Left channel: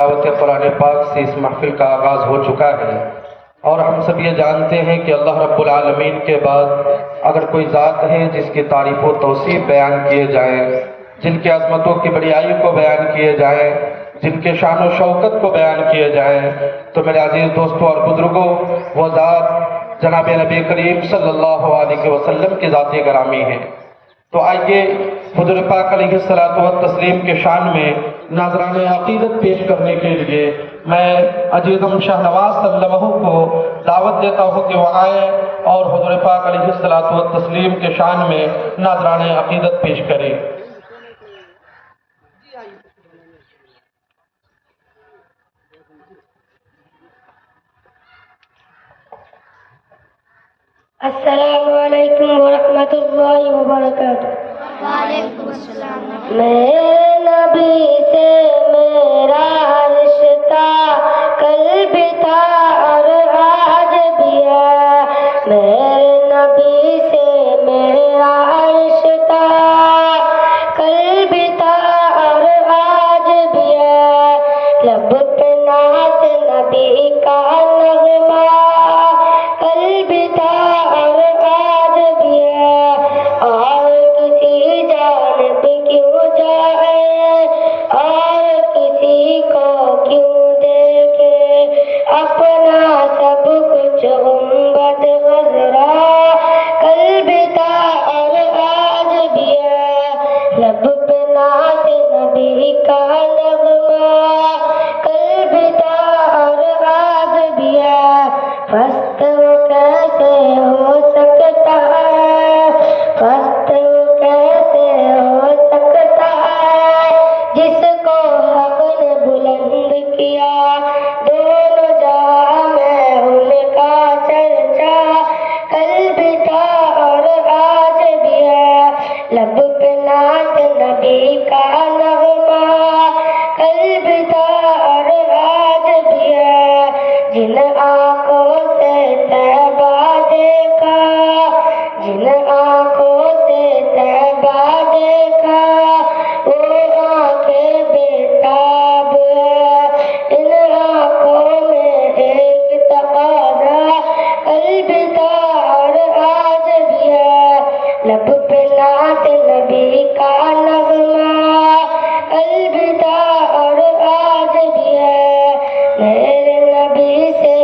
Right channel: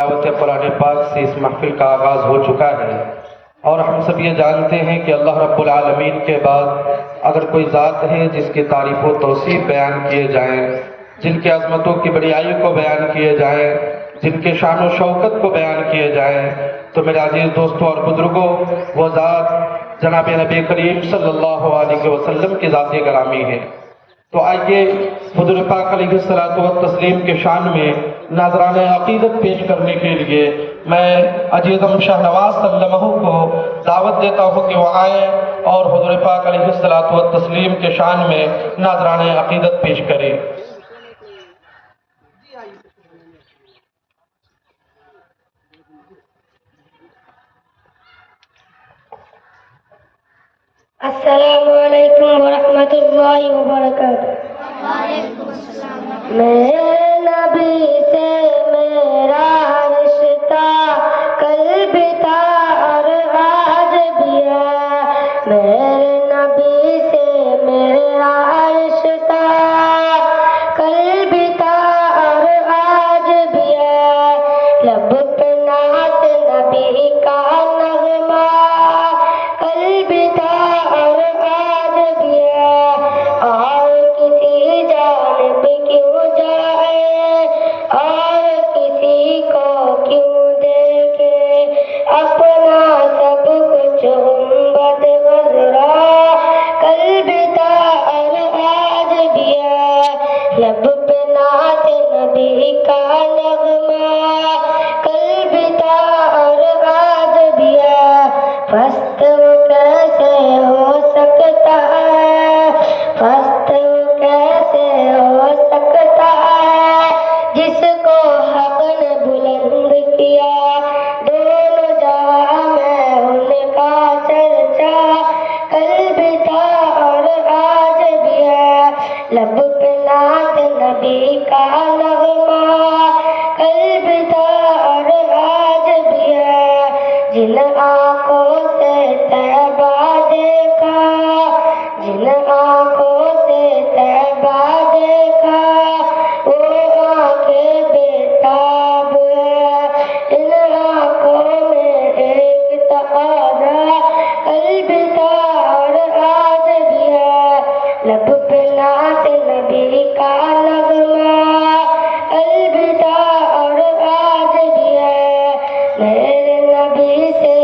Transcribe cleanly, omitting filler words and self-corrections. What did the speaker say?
تلاوت قرآن پاک سے اس محفل کا آغاز ہو چکا ہے، اور ہم سب یہ جانتے ہیں کہ اللہ رب العالمین کے بعد اگر کوئی ذات ہے جس کی تعریف و توصیف بیان کیے جائیں، جن کی عظمتوں کی بڑائی کو بیان کیے جائیں، جن کے شان و شوکت کو بیان کیے جائیں، تو میرے عزیز دوستوں اور بزرگوں، وہ ذات جناب نبی کریم صلی اللہ علیہ وسلم کی ذات گرامی ہے۔ تو آئیے حضور پاک علیہ السلام کے شان میں ناظران عقیدت پیش کرنے کے لیے میں عزیزم شاہ نواز صلی اللہ علیہ وسلم کو دعوت دیتا ہوں کہ وہ آئے اور حضور پاک علیہ السلام کے شان میں ناظران عقیدت پیش کریں۔ السلام علیکم ورحمۃ اللہ وبرکاتہ۔ میرے نبی سے میرا رشتہ کل بھی تھا اور آج بھی ہے، میرے نبی سے میرا رشتہ کل بھی تھا اور آج بھی ہے، لب پہ نعت نبی کا نغمہ کل بھی تھا اور آج بھی ہے، اور کسی جانب کیوں جائے اور کسی کو کیوں دیکھے، اپنا سب کچھ غنبد غزرا کل بھی تھا اور آج بھی ہے، لب پہ نعت نبی کا نغمہ کل بھی تھا اور آج بھی ہے، پست وہ کیسے ہو سکتا ہے، پست وہ کیسے ہو سکتا ہے، جس کو حق نے بلند کیا، دونوں جہاں میں ان کا چرچا کل بھی تھا اور آج بھی ہے، لب پہ نعت نبی کا نغمہ کل بھی تھا اور آج بھی ہے، جن آنکھوں سے طیبہ دیکھا، جن آنکھوں سے طیبہ دیکھا، وہ آنکھیں بےتاب ہے، ان آنکھوں میں ایک تقاضا کل بھی تھا اور آج بھی ہے، لب پہ نعت نبی کا نغمہ کل بھی تھا اور آج بھی ہے، میرے نبی سے